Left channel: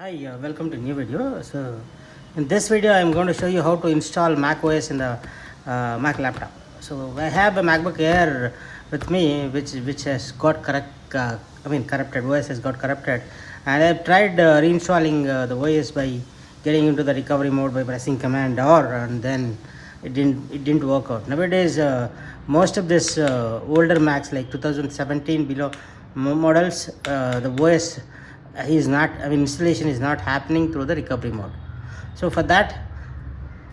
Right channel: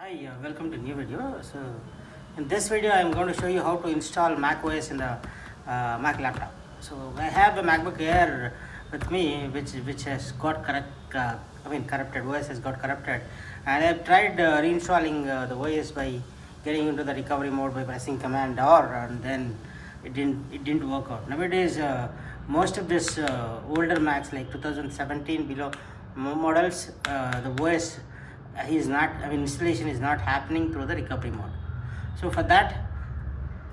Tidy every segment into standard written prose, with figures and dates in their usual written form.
Hi, welcome to new video. So in this video I am going to show you how to install macOS in the Mac laptop. So I have a MacBook Air with me which has got corrupted. OS has got corrupted, and I've tried reinstalling the OS by getting into the recovery mode by pressing Command R, and then it didn't work out. Nowadays most of this older Macs like 2017 below models, the OS is not, installation is not happening through the recovery mode. So for that,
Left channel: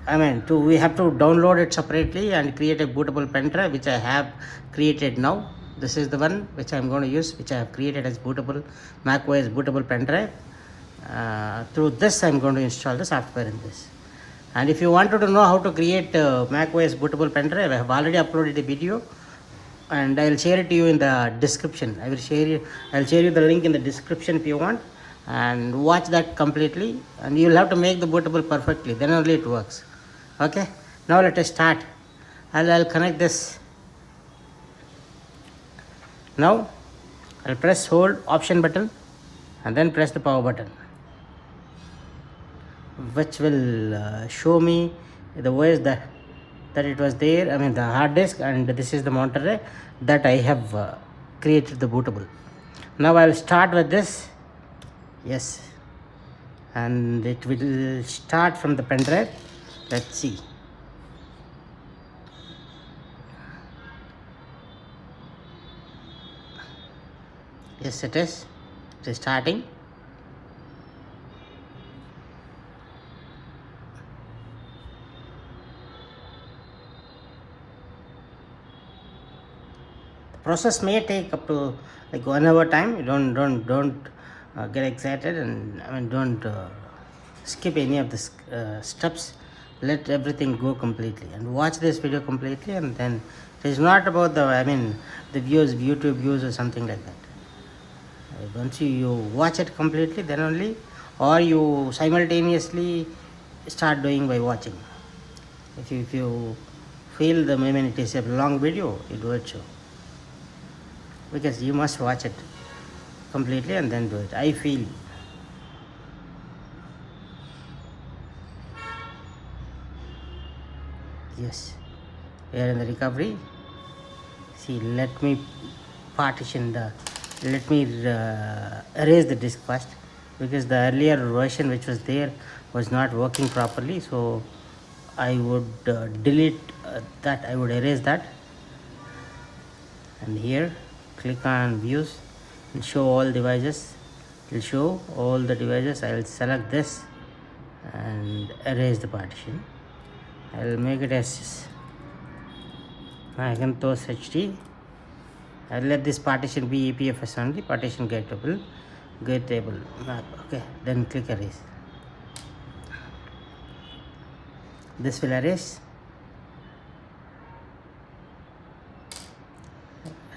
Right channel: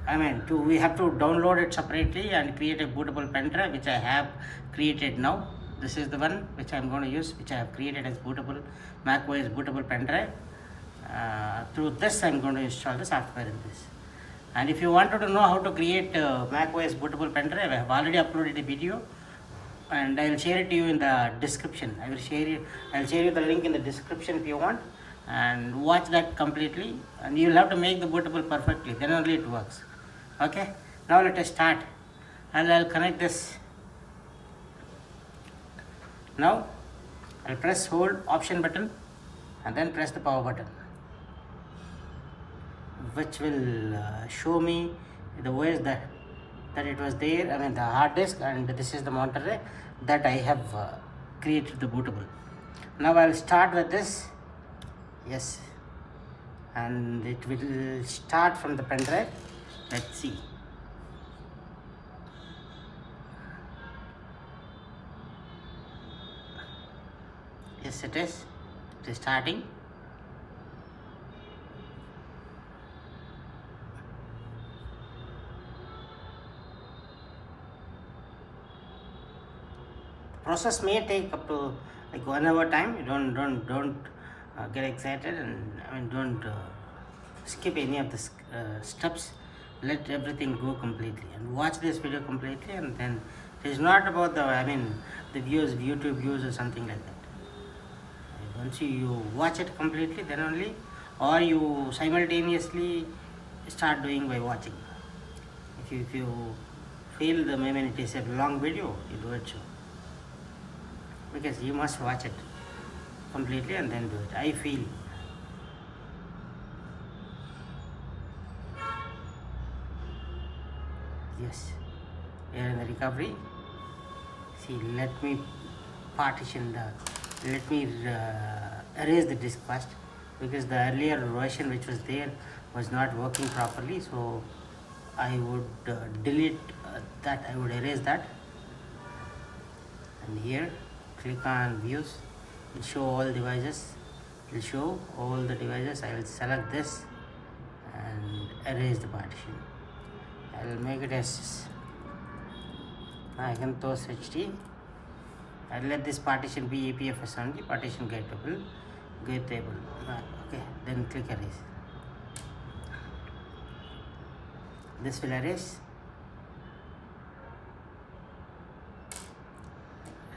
we have to download it separately and create a bootable pen drive, which I have created now. This is the one which I'm going to use, which I have created as bootable macOS bootable pen drive. Through this I'm going to install the software in this. And if you wanted to know how to create macOS bootable pen drive, I have already uploaded a video, and I'll share it to you in the description. I'll share you the link in the description if you want, and watch that completely, and you'll have to make the bootable perfectly, then only it works. Okay, now let us start. I'll connect this. Now I'll press hold option button and then press the power button, which will show me the OS that it was there, the hard disk, and this is the monitor that I have created the bootable. Now I'll start with this. Yes, and it will start from the pen drive. Let's see. Yes, it is starting. Process may take up to like 1 hour time. You don't get excited, and don't skip any of the steps. Let everything go completely and watch this video completely, and then it is not about the views, YouTube views or something like that. Once you watch it completely, then only, or you simultaneously start doing by watching. If you feel it is a long video, you do it so, because you must watch it completely and then do it. I feel. Yes, we are in the recovery. See, let me erase the disk first, because the earlier version which was there was not working properly. So I would delete that. I would erase that, and here click on views. It will show all devices. It will show all the devices. I will select this and erase the partition. I will make it as Hackintosh HD. I will let this partition be EPFS only, partition gettable. Okay, then click erase. This will erase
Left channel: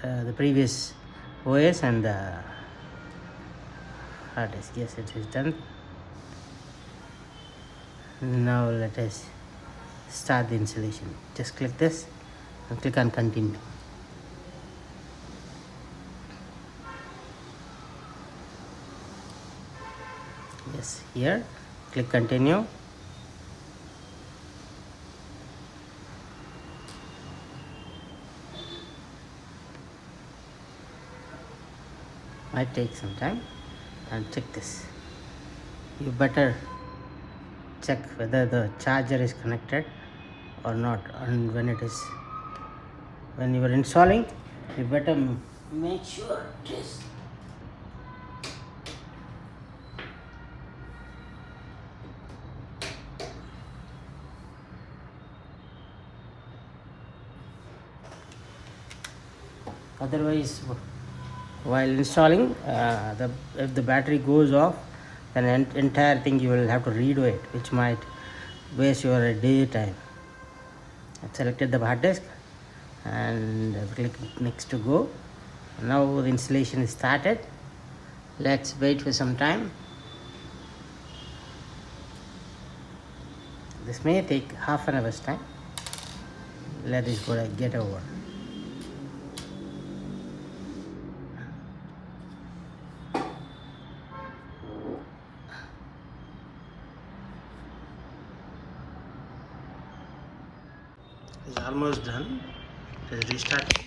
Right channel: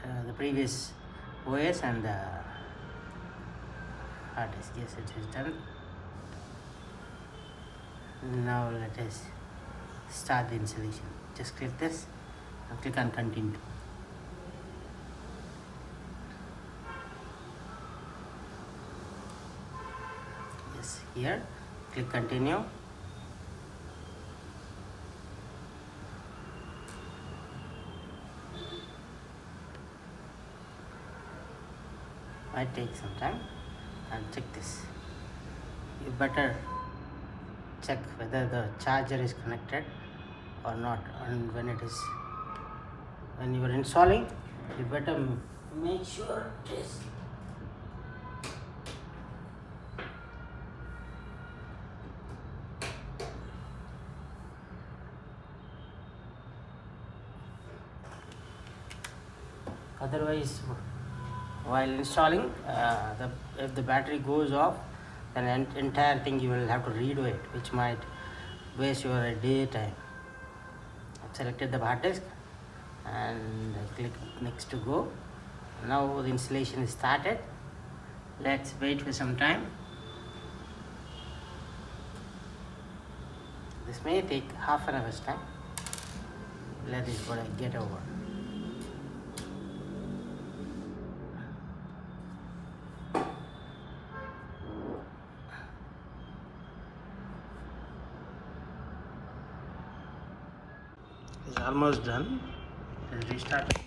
the previous OS and the hard disk. Yes, it is done. Now let us start the installation. Just click this and click on continue. Yes, here click continue. Might take some time, and check this. You better check whether the charger is connected or not, and when you are installing, you better make sure it is. Otherwise, while installing, if the battery goes off, then entire thing you will have to redo it, which might waste your day time. I've selected the hard disk and click next to go. Now the installation is started. Let's wait for some time. This may take half an hour's time. Let it get over. It's almost done. Let's restart.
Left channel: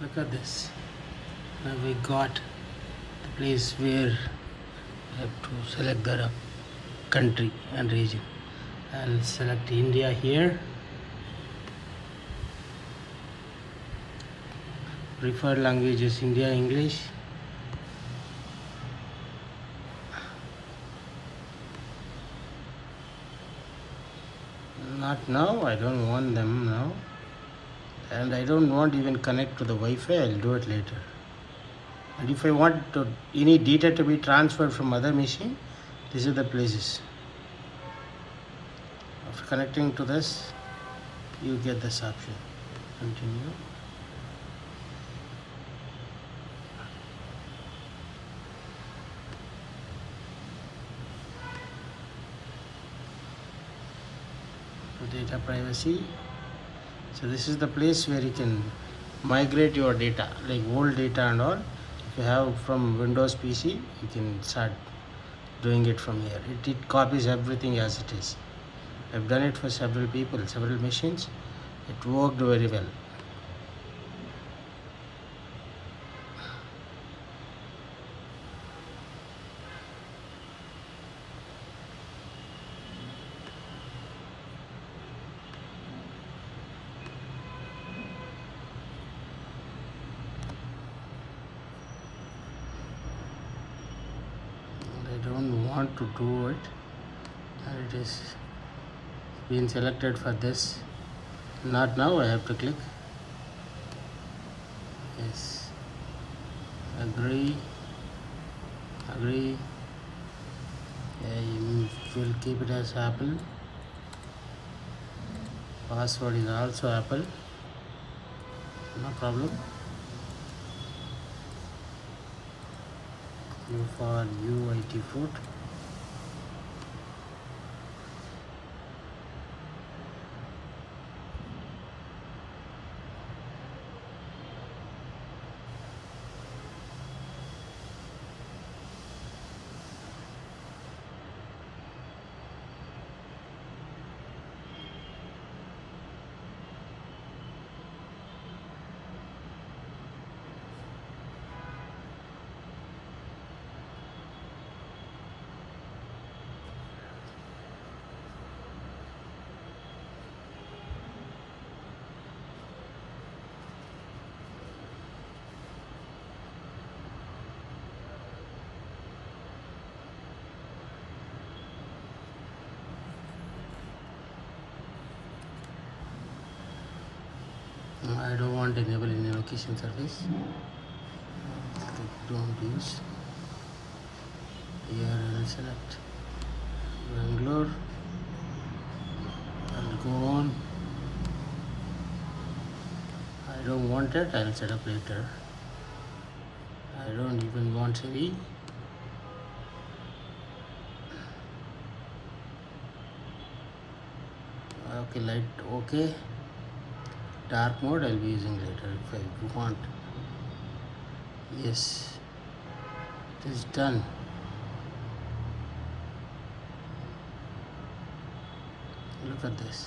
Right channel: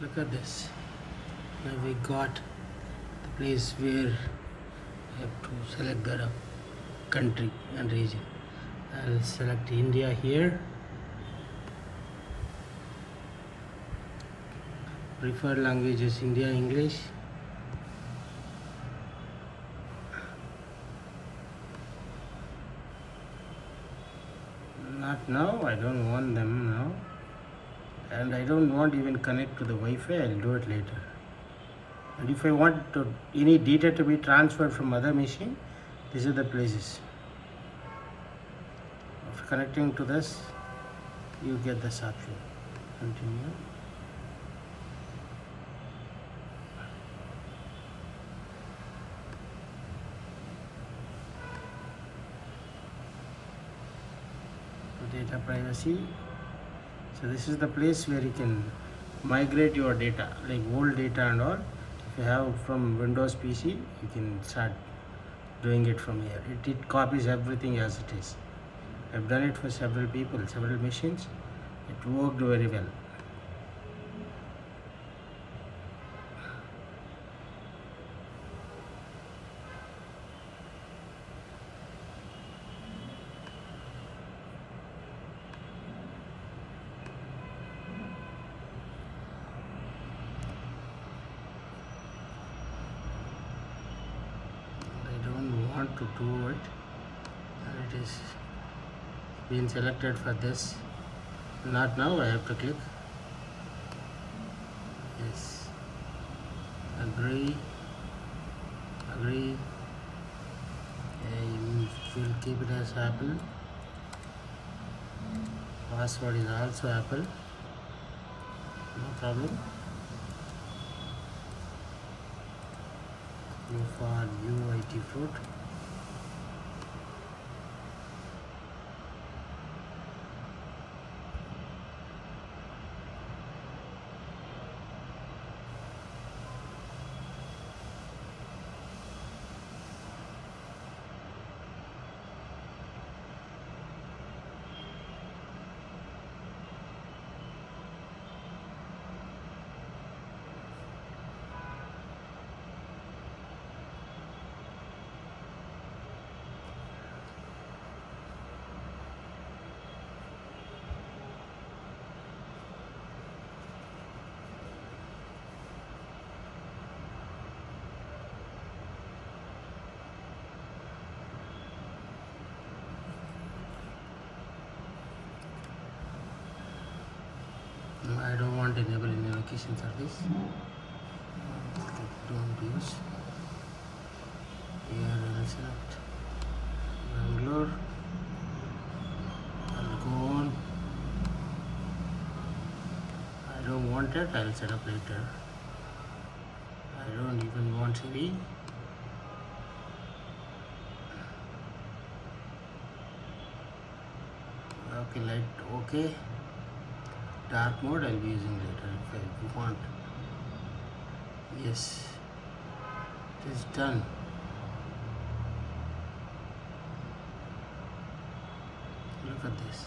Look at this. Now we got the place where I have to select the country and region. I'll select India here. Preferred language is India English. Not now, I don't want them now. And I don't want even connect to the Wi-Fi, I'll do it later. And if I want any data to be transferred from other machine, these are the places. After connecting to this, you get this option. Continue. To data privacy. So this is the place where you can migrate your data, like old data and all. If you have from Windows PC, you can start doing it from here. It copies everything as it is. I've done it for several people, several machines. It worked very well. I don't want to do it, and it is been selected for this. Not now, I have to click yes, agree. I will keep it as Apple. Password is also Apple, no problem. U for UIT fruit. I don't want enable in location service. Don't use. Here I'll select Bangalore. I'll go on. I don't want it, I'll set up later. I don't even want CV. Okay, light okay. Dark mode I'll be using later if I want. Yes, it is done. Look at this.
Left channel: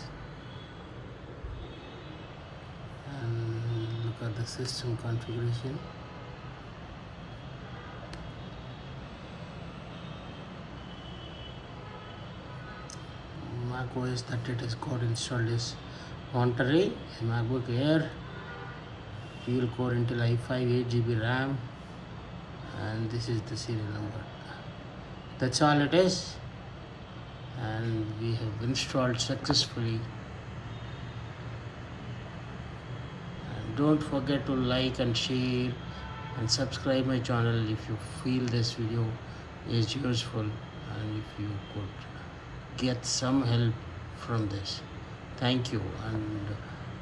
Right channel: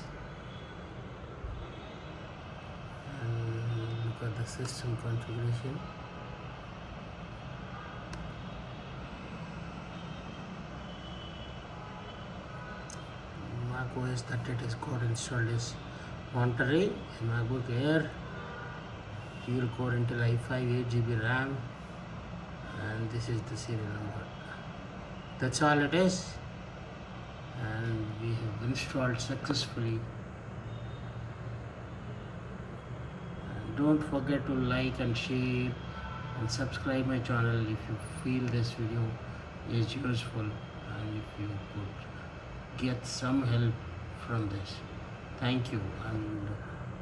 And look at the system configuration. macOS that it is got installed is Monterey, a MacBook Air, dual core Intel i5, 8GB RAM, and this is the serial number. That's all it is, and we have installed successfully. And don't forget to like and share and subscribe my channel if you feel this video is useful and if you could get some help from this. Thank you, and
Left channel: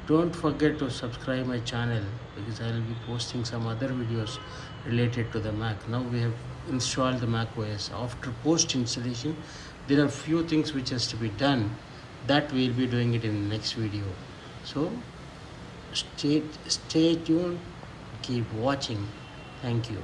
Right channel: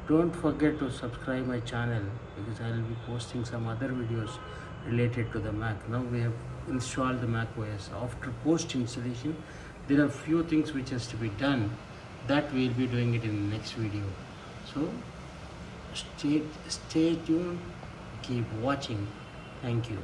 don't forget to subscribe my channel because I will be posting some other videos related to the Mac. Now we have installed the Mac OS. After post installation, there are few things which has to be done. That we'll be doing it in the next video. So stay tuned, keep watching. Thank you.